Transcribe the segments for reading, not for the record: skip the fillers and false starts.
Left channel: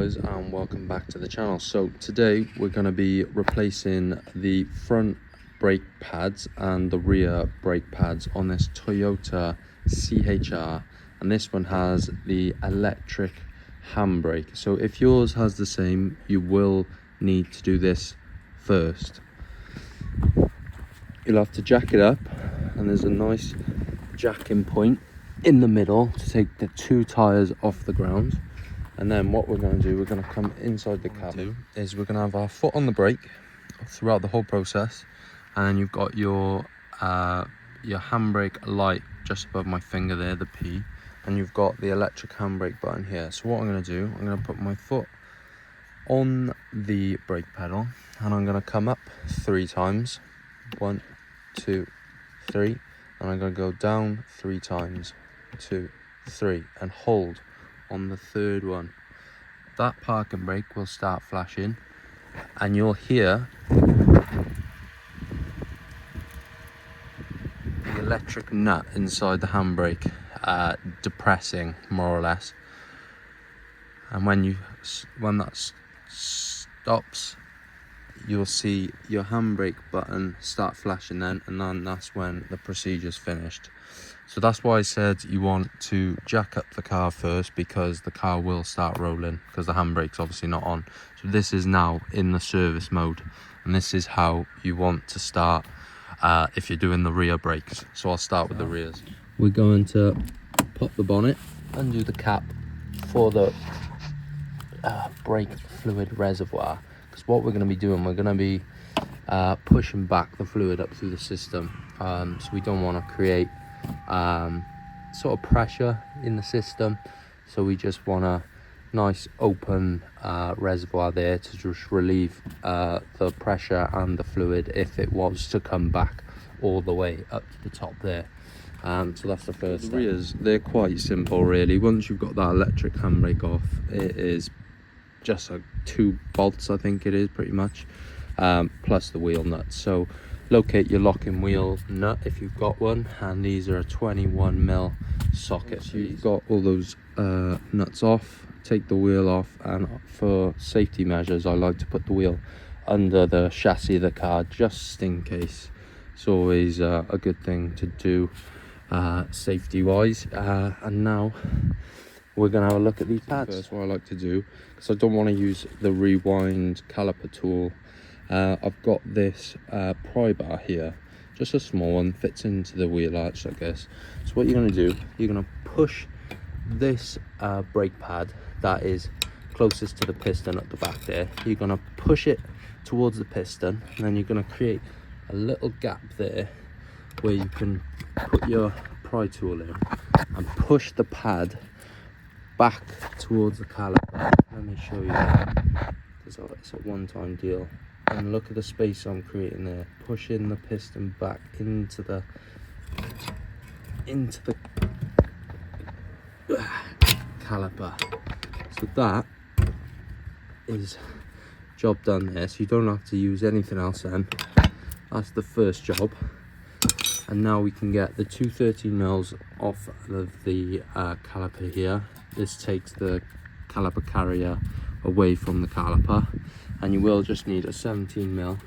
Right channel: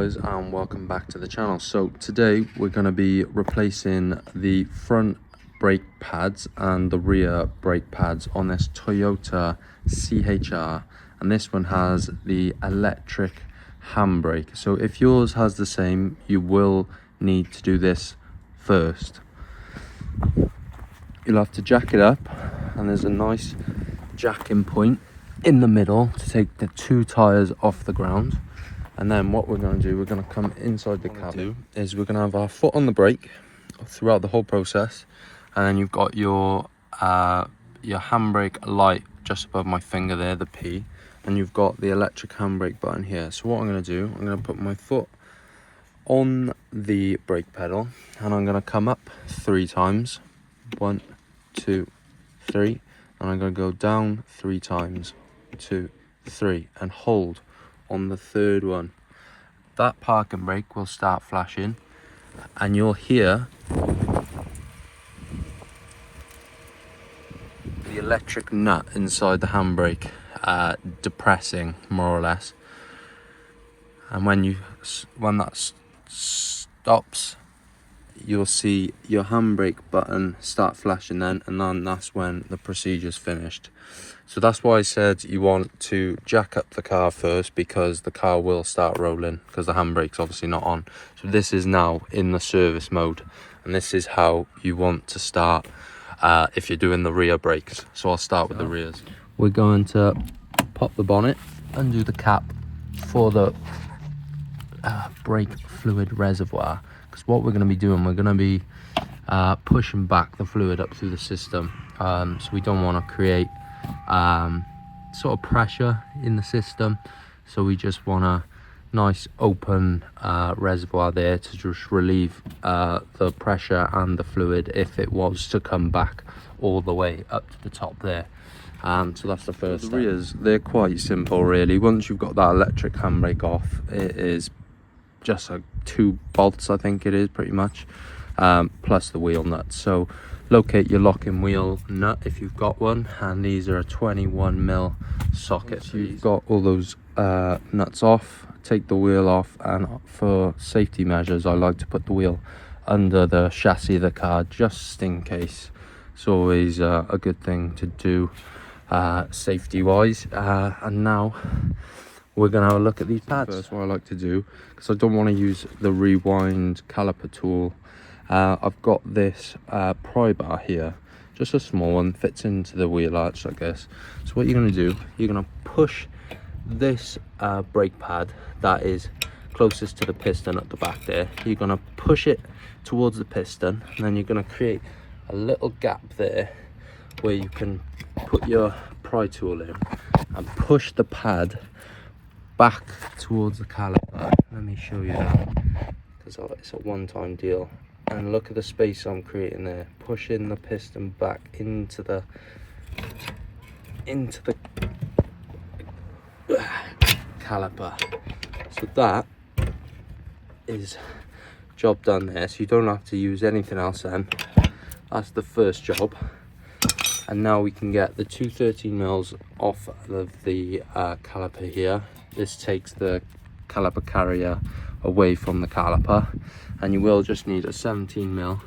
guys, and welcome back to the channel. So today we're going to be replacing the front brake pads and the rear brake pads on this Toyota CHR, and this one has the electric handbrake. So if yours has the same, you will need to do this first. You'll have to jack it up, and there's a nice jacking point in the middle to take the two tires off the ground. And then what we're going to do, we're going to come inside the cab. Is we're going to have our foot on the brake throughout the whole process, and you've got your handbrake light just above my finger there, the P, and you've got the electric handbrake button here. So what I'm going to do, I'm going to put my foot on the brake pedal, and I'm going to come up 3 times. 1, 2, 3, and I'm going to go down 3 times. 2, 3, and hold on the third one. That parking brake will start flashing, and you'll hear the electric nut inside the handbrake depressing, more or less. And when that stops, you'll see your handbrake button start flashing then, and then that's when the procedure's finished. So that's why I said you want to jack up the car first, because the car will start rolling because the handbrake's obviously not on. So this is now in the service mode, and this is how you want to start if you're doing the rear brakes. So I'll start with the rears. We're going to pop the bonnet, undo the cap for the brake fluid reservoir, because what we're going to be doing, we're going to be pushing back the fluid up through the system. So we don't want to create sort of pressure in the system, so we just want a nice open reservoir there to just relieve the pressure and the fluid if it was to come back all the way up to the top there. So that's the first step. The rears, they're quite simple really. Once you've got that electric handbrake off, it is just 2 bolts, I think it is, pretty much, plus the wheel nuts. So locate your locking wheel nut if you've got one, and these are a 21mm socket. So you've got all those nuts off, take the wheel off, and for safety measures I like to put the wheel under the chassis of the car, just in case. It's always a good thing to do safety wise. And now we're going to have a look at these pads. That's what I like to do, because I don't want to use the rewind caliper tool. I've got this pry bar here, just a small one, fits into the wheel arch, I guess. So what you're going to do, you're going to push this brake pad that is closest to the piston at the back there. You're going to push it towards the piston, and then you're going to create a little gap there where you can put your pry tool in and push the pad back towards the caliper. Let me show you that, because it's a one-time deal. And look at the space I'm creating there, pushing the piston back into the caliper. So that is job done there, so you don't have to use anything else then. That's the first job. And now we can get the 213mm off of the caliper here. This takes the caliper carrier away from the caliper, and you will just need a 17mm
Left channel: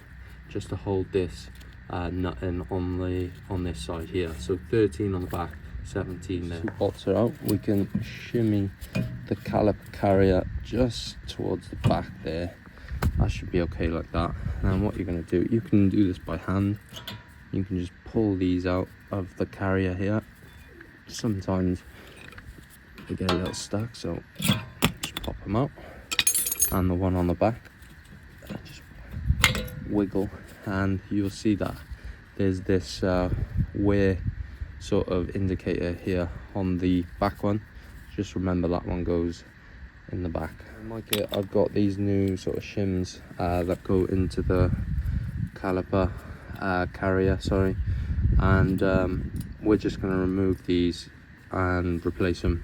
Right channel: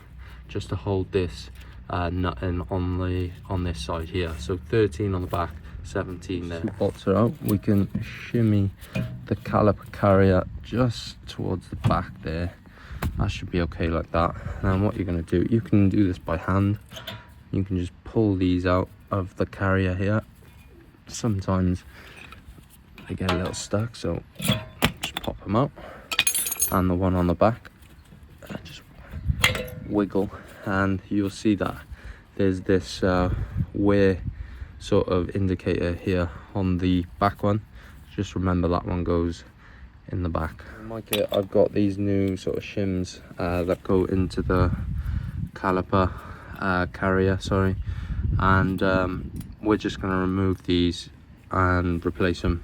just to hold this nut in on this side here. So 13 on the back, 17 there. 2 bolts are out. We can shimmy the caliper carrier just towards the back there. That should be okay like that. And what you're going to do, you can do this by hand. You can just pull these out of the carrier here. Sometimes they get a little stuck, so just pop them out. And the one on the back, just wiggle, and you'll see that there's this wear sort of indicator here on the back one. Just remember that one goes in the back. In my kit, I've got these new sort of shims that go into the caliper carrier, sorry, and we're just going to remove these and replace them.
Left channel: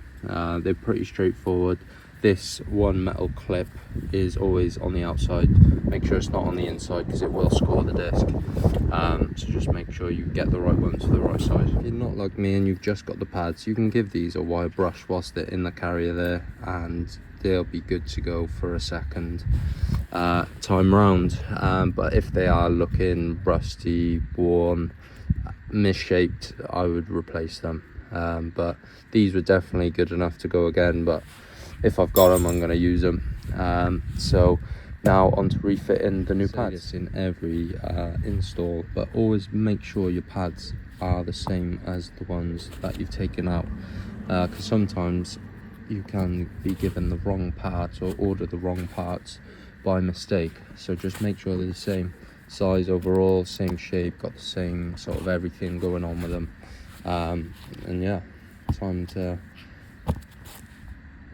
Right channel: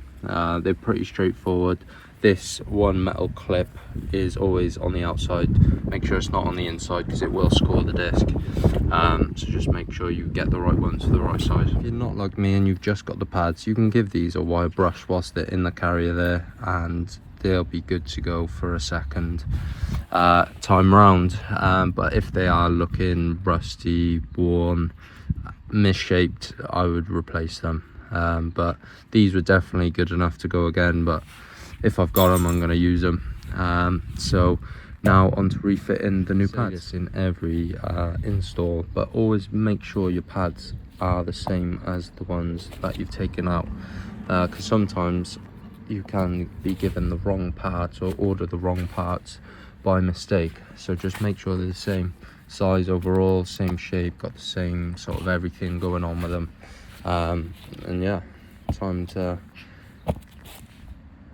They're pretty straightforward. This one metal clip is always on the outside. Make sure it's not on the inside, because it will score the disc. So just make sure you get the right one to the right side. If you're not like me and you've just got the pads, you can give these a wire brush whilst they're in the carrier there, and they'll be good to go for a second time round. But if they are looking rusty, worn, misshaped, I would replace them. But these were definitely good enough to go again, but if I've got them, I'm going to use them. So now on to refitting the new pads in every install, but always make sure your pads are the same as the ones that you've taken out, because sometimes you can be given the wrong parts or order the wrong parts by mistake. So just make sure they're the same size overall, same shape, got the same sort of everything going on with them. And yeah, time to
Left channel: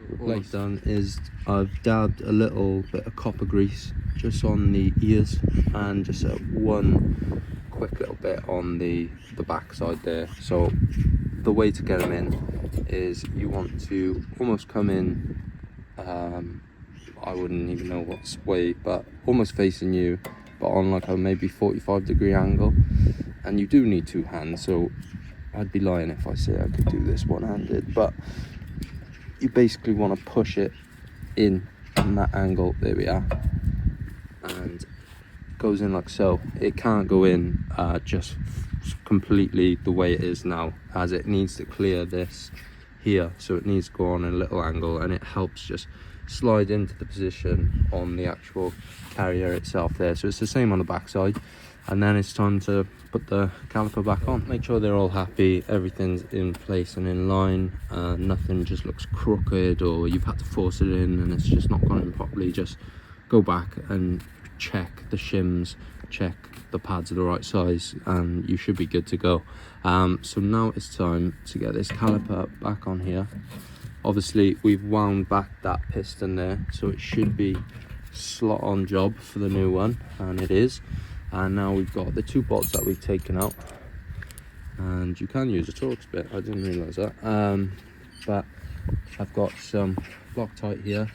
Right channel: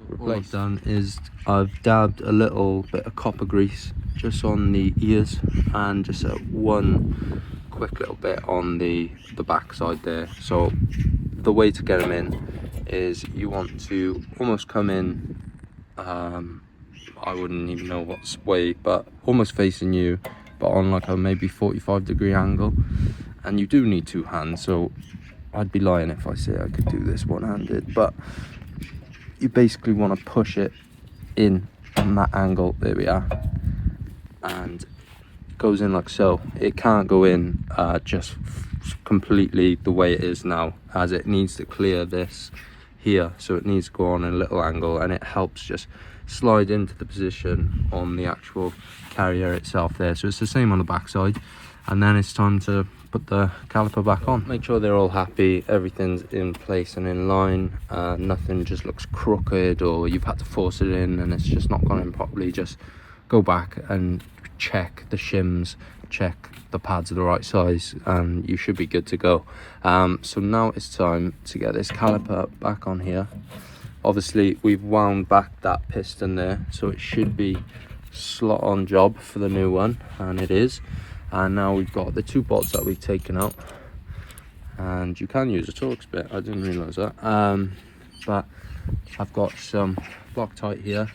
replace. What I've done is I've dabbed a little bit of copper grease just on the ears, and just one quick little bit on the back side there. So the way to get them in is you want to almost come in, I wouldn't even know what's way, but almost facing you, but on like a maybe 45-degree angle. And you do need two hands, so I'd be lying if I say I could do this one-handed, but you basically want to push it in on that angle. There we are, and it goes in like so. It can't go in just completely the way it is now, as it needs to clear this here, so it needs to go on a little angle, and it helps just slide into the position on the actual carrier itself there. So it's the same on the back side, and then it's time to put the caliper back on. Make sure they're all happy, everything's in place and in line, nothing just looks crooked or you've had to force it in and it's just not gone in properly. Just go back and check the shims, check the pads are the right size, and you should be good to go. So now it's time to get this caliper back on here. Obviously we've wound back that piston there, so it should be slot on job for the new one, and it is. And now we've got the two bolts that we've taken out, and you can use a Torx bit, I didn't realise that. But I've got some Loctite here,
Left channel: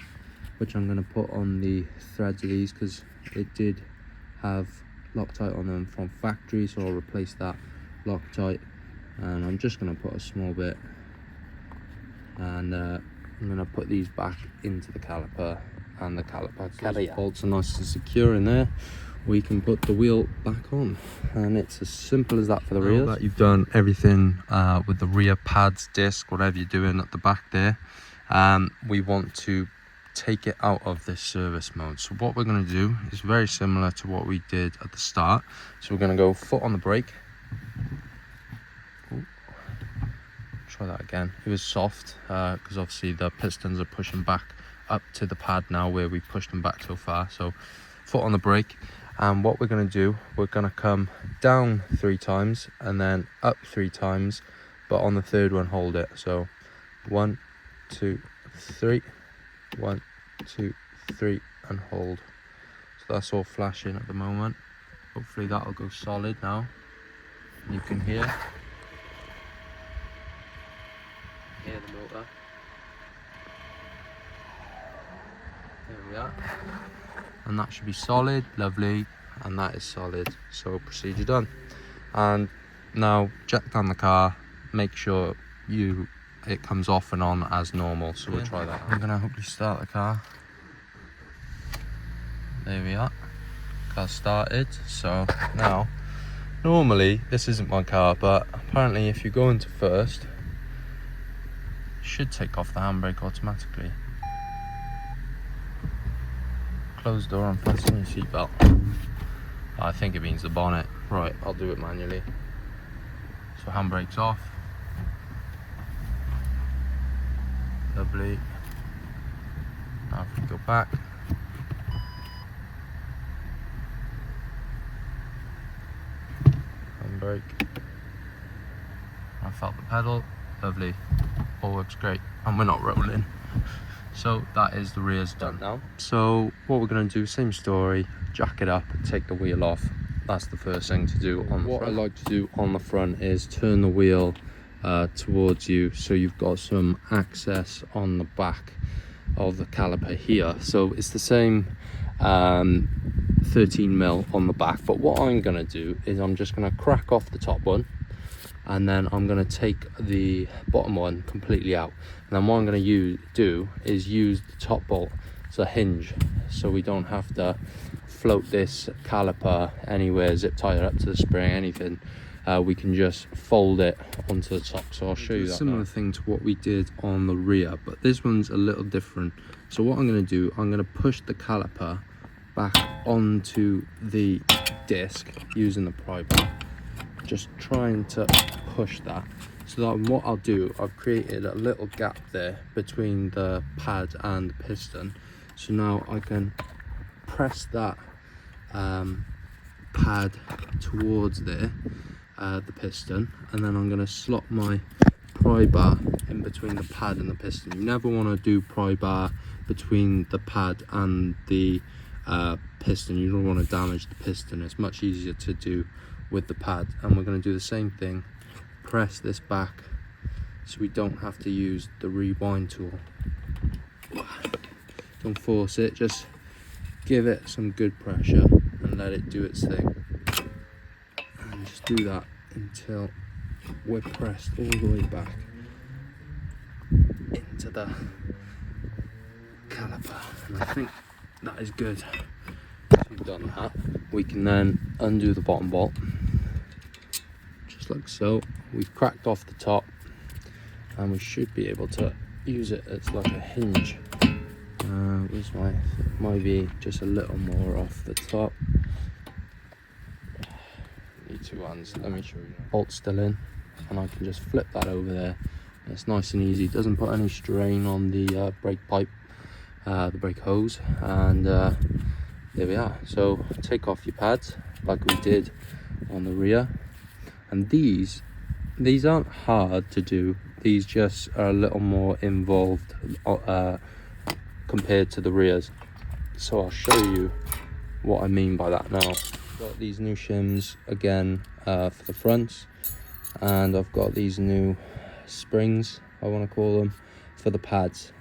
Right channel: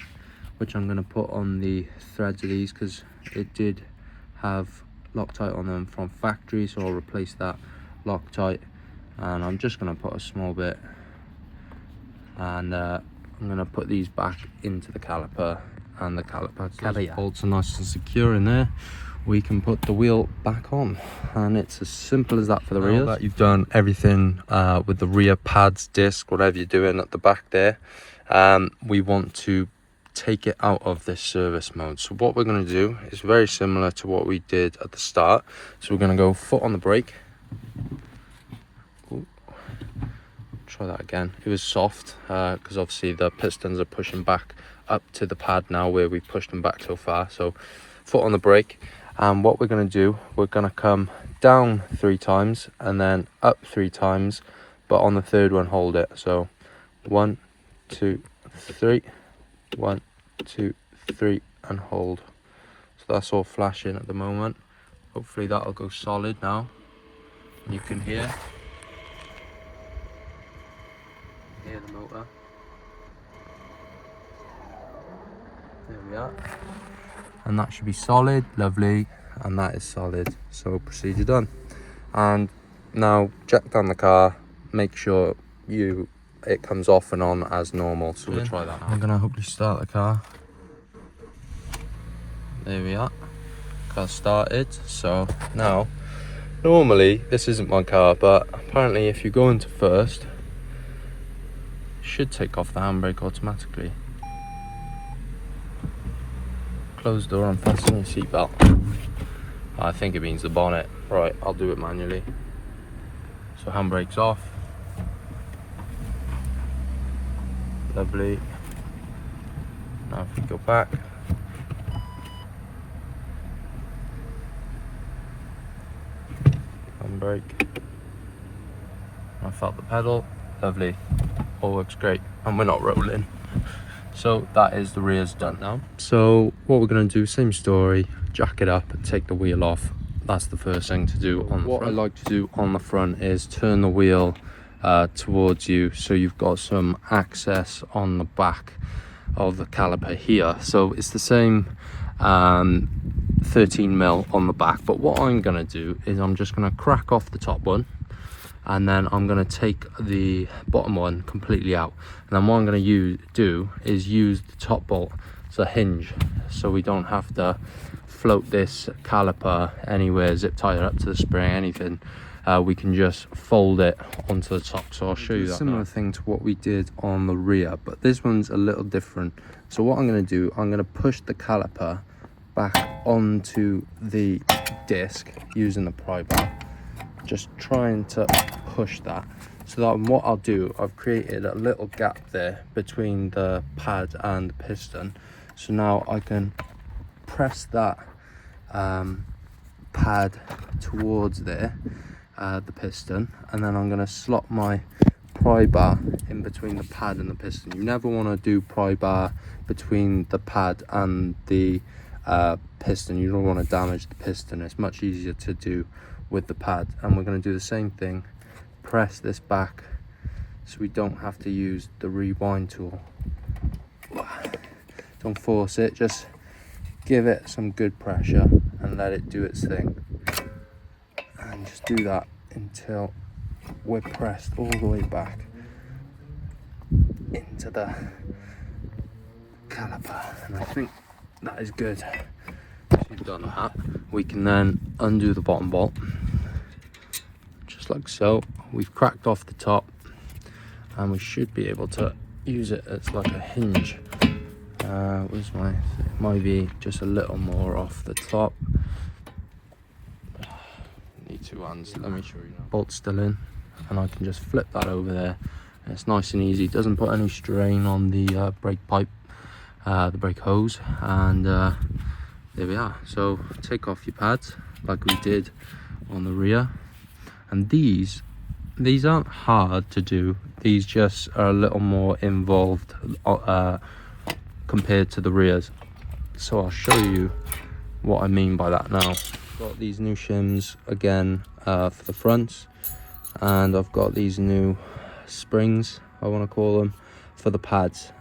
which I'm going to put on the threads of these, because it did have Loctite on them from factory, so I'll replace that Loctite. And I'm just going to put a small bit, and I'm going to put these back into the caliper, and the caliper bolts are nice and secure in there. We can put the wheel back on, and it's as simple as that for the rear. Now that you've done everything with the rear pads, disc, whatever you're doing at the back there, we want to take it out of this service mode. So what we're going to do is very similar to what we did at the start. So we're going to go foot on the brake. Ooh. Try that again. It was soft because obviously the pistons are pushing back up to the pad now where we pushed them back so far. So foot on the brake. And what we're going to do, we're going to come down 3 times and then up 3 times, but on the third one hold it. So 1, 2, 3, 1, 2, 3, and hold. So that's all flashing at the moment. Hopefully that'll go solid now. You can hear the motor. There we are. And that should be solid, lovely, and that is solid. So procedure done. And now jack down the car, make sure it comes off and on as normal. So we'll try that out. I'm gonna hopefully start the car. There we are, car started. So now, normally this isn't my car, but apparently if you go into first, it should take off the handbrake automatically. Close the door and fasten your seatbelt. I think it means the bonnet. Right, I'll do it manually. So handbrake's off. Lovely. Now if we go back. Handbrake. I felt the pedal. Lovely. All works great. And we're not rolling. So that is the rear's done now. So what we're going to do, same story, jack it up, take the wheel off. That's the first thing to do on the front. What I like to do on the front is turn the wheel towards you, so you've got some access on the back of the caliper here. So it's the same 13mm on the back, but what I'm going to do is I'm just going to crack off the top one, and then I'm going to take the bottom one completely out, and then what I'm going to do is use the top bolt as a hinge, so we don't have to float this caliper anywhere, zip tie it up to the spring, anything. We can just fold it onto the top. So I'll show you that. Similar thing to what we did on the rear, but this one's a little different. So what I'm going to do, I'm going to push the caliper back onto the disc using the pry bar, just trying to push that. So that what I'll do, I've created a little gap there between the pad and the piston. So now I can press that pad towards there, the piston, and then I'm going to slot my pry bar in between the pad and the piston. You never want to do pry bar between the pad and the piston. You don't want to damage the piston. It's much easier to do with the pad, and we're going to do the same thing. Press this back so we don't have to use the rewind tool. Don't force it, just give it some good pressure and let it do its thing, and just do that until we're pressed all the way back into the caliper. And I think that is good. Once we've done that, we can then undo the bottom bolt just like so. We've cracked off the top, and we should be able to use it as like a hinge. Where's my, might be just a little more off the top. Need two hands, let me show you. Bolt's still in, and I can just flip that over there. And it's nice and easy, doesn't put any strain on the brake pipe, the brake hose, and there we are. So take off your pads like we did on the rear, and these aren't hard to do. These just are a little more involved compared to the rears. So I'll show you what I mean by that now. Got these new shims again for the fronts, and I've got these new springs, I want to call them, for the pads.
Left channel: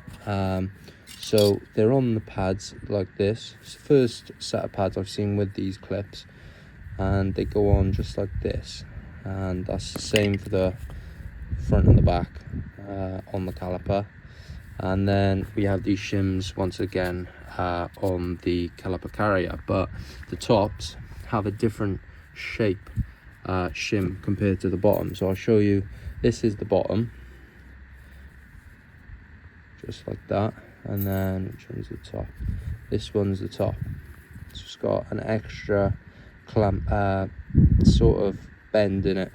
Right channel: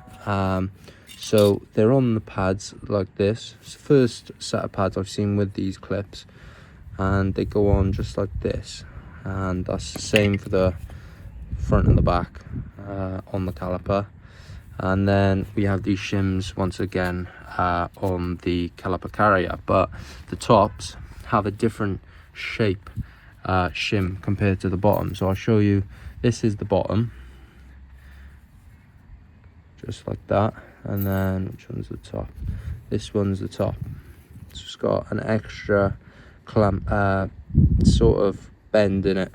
So they're on the pads like this. It's the first set of pads I've seen with these clips, and they go on just like this, and that's the same for the front and the back on the caliper. And then we have these shims once again on the caliper carrier, but the tops have a different shape shim compared to the bottom. So I'll show you. This is the bottom, just like that, and then which one's the top? This one's the top. So it's got an extra clamp sort of bend in it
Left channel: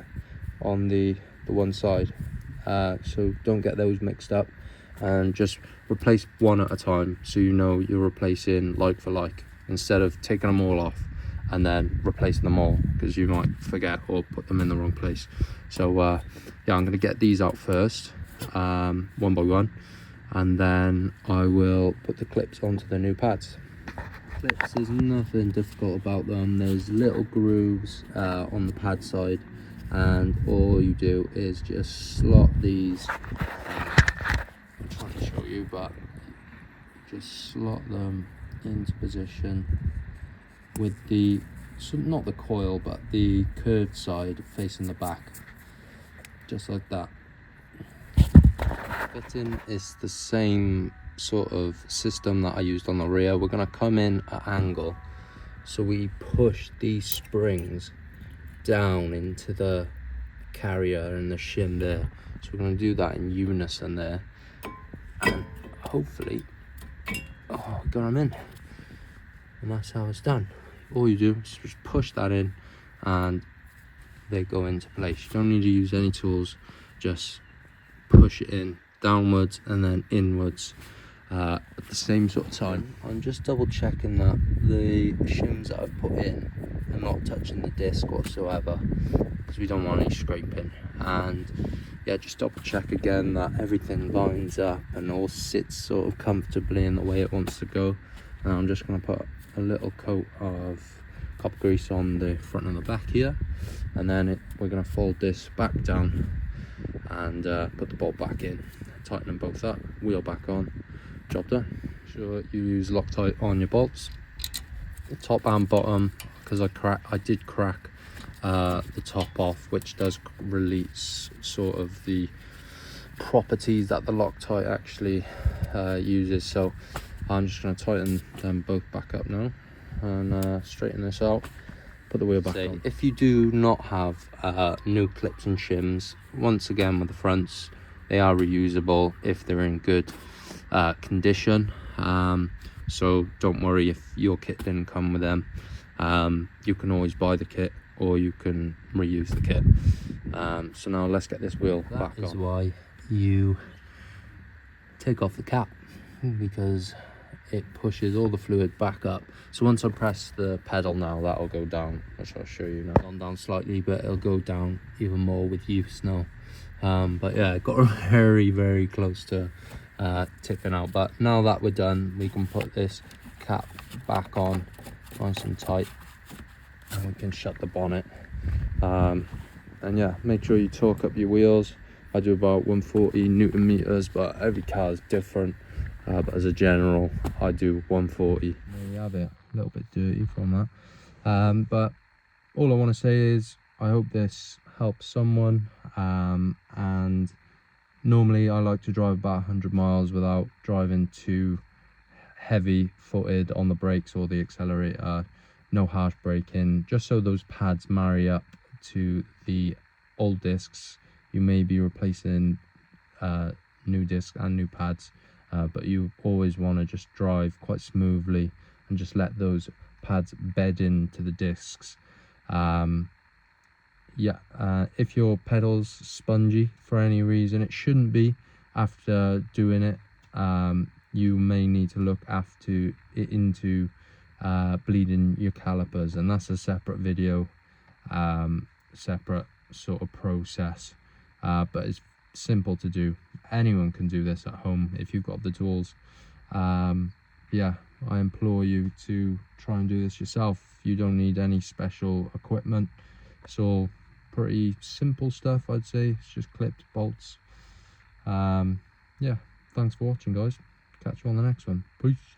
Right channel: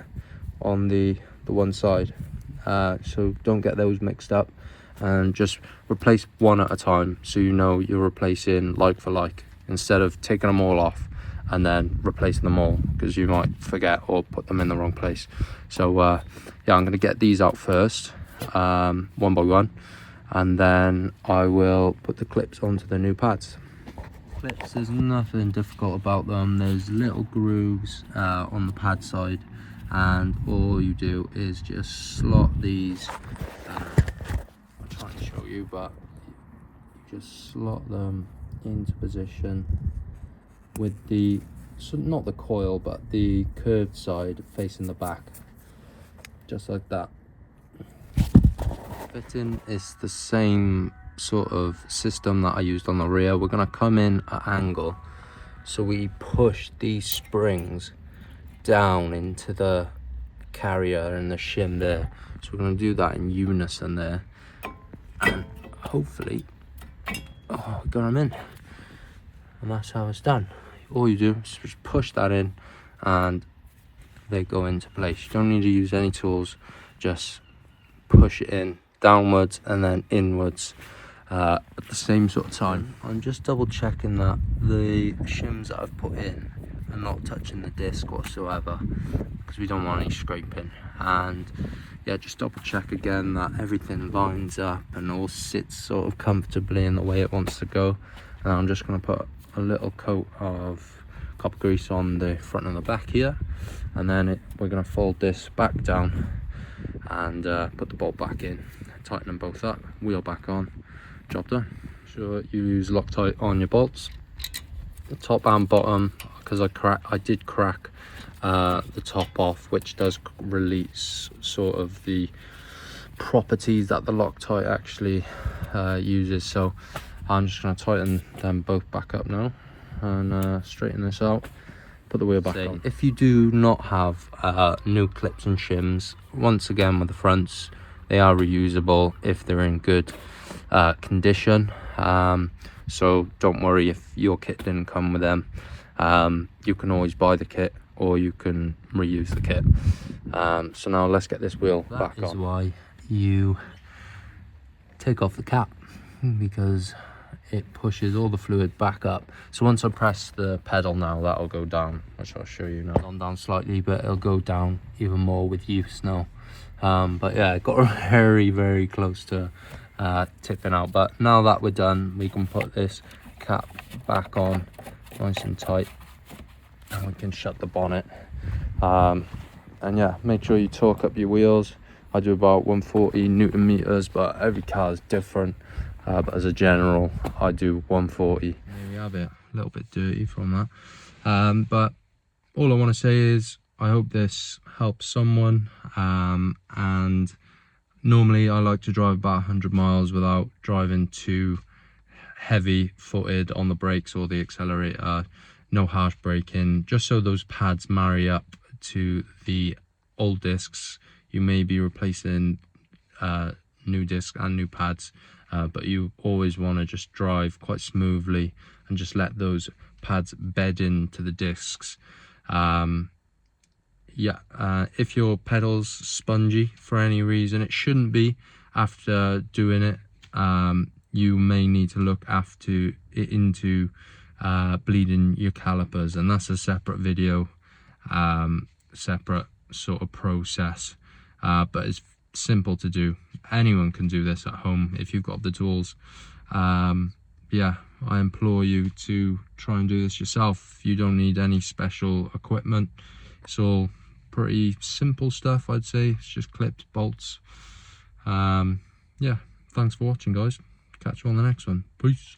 on the one side, so don't get those mixed up, and just replace one at a time, so you know you're replacing like for like, instead of taking them all off and then replacing them all, because you might forget or put them in the wrong place. So yeah, I'm going to get these out first, one by one, and then I will put the clips onto the new pads. Clips, there's nothing difficult about them. There's little grooves on the pad side, and all you do is just slot these. I'll try and show you, but just slot them into position with the, so not the coil, but the curved side facing the back, just like that. Fitting is the same sort of system that I used on the rear. We're going to come in at angle, so we push these springs down into the carrier and the shim there. So we're going to do that in unison there, and hopefully got them in, and that's how it's done. All you do is just push that in and they go into place. You don't need to use any tools, just push it in downwards and then inwards at the same sort of time. I'm just double checking that the shims that I've put in are not touching the disc whatsoever, because we don't want any scraping. And yeah, just double check again that everything lines up and all sits sort of comfortably in the way it wants to go. And I'm just going to put a little coat of copper grease on the front and the back here, and then we're going to fold this back down and put the bolt back in, tighten them both up, wheel back on, job done. Sure you use Loctite on your bolts, the top and bottom, because I did crack the top off, which does release sort of the properties that the Loctite actually uses. So I'm just going to tighten them both back up now and straighten this out, put the wheel back on. If you do not have new clips and shims, once again with the fronts, they are reusable if they're in good condition. So don't worry if your kit didn't come with them. You can always buy the kit or you can reuse the kit. So now let's get this wheel back on. That is why you take off the cap, because it pushes all the fluid back up. So once I press the pedal now, that'll go down, which I'll show you now. It's gone down slightly, but it'll go down even more with use now. But yeah, it got very close to tipping out. But now that we're done, we can put this cap back on nice and tight, and we can shut the bonnet. And yeah, make sure you torque up your wheels. I do about 140 Newton meters, but every car is different. But as a general, I do 140. There we have it, a little bit dirty from that. But all I want to say is I hope this helps someone. And normally I like to drive about 100 miles without driving too heavy footed on the brakes or the accelerator. No harsh braking, just so those pads marry up to the old discs. You may be replacing new discs and new pads, but you always want to just drive quite smoothly and just let those pads bed into the discs. If your pedal's spongy for any reason, it shouldn't be. After doing it, you may need to look into bleeding your calipers, and that's a separate video, separate sort of process, but it's simple to do. Anyone can do this at home if you've got the tools. Yeah, I implore you to try and do this yourself. You don't need any special equipment. It's all pretty simple stuff, I'd say. It's just clips, bolts. Yeah, thanks for watching, guys. Catch you on the next one. Peace.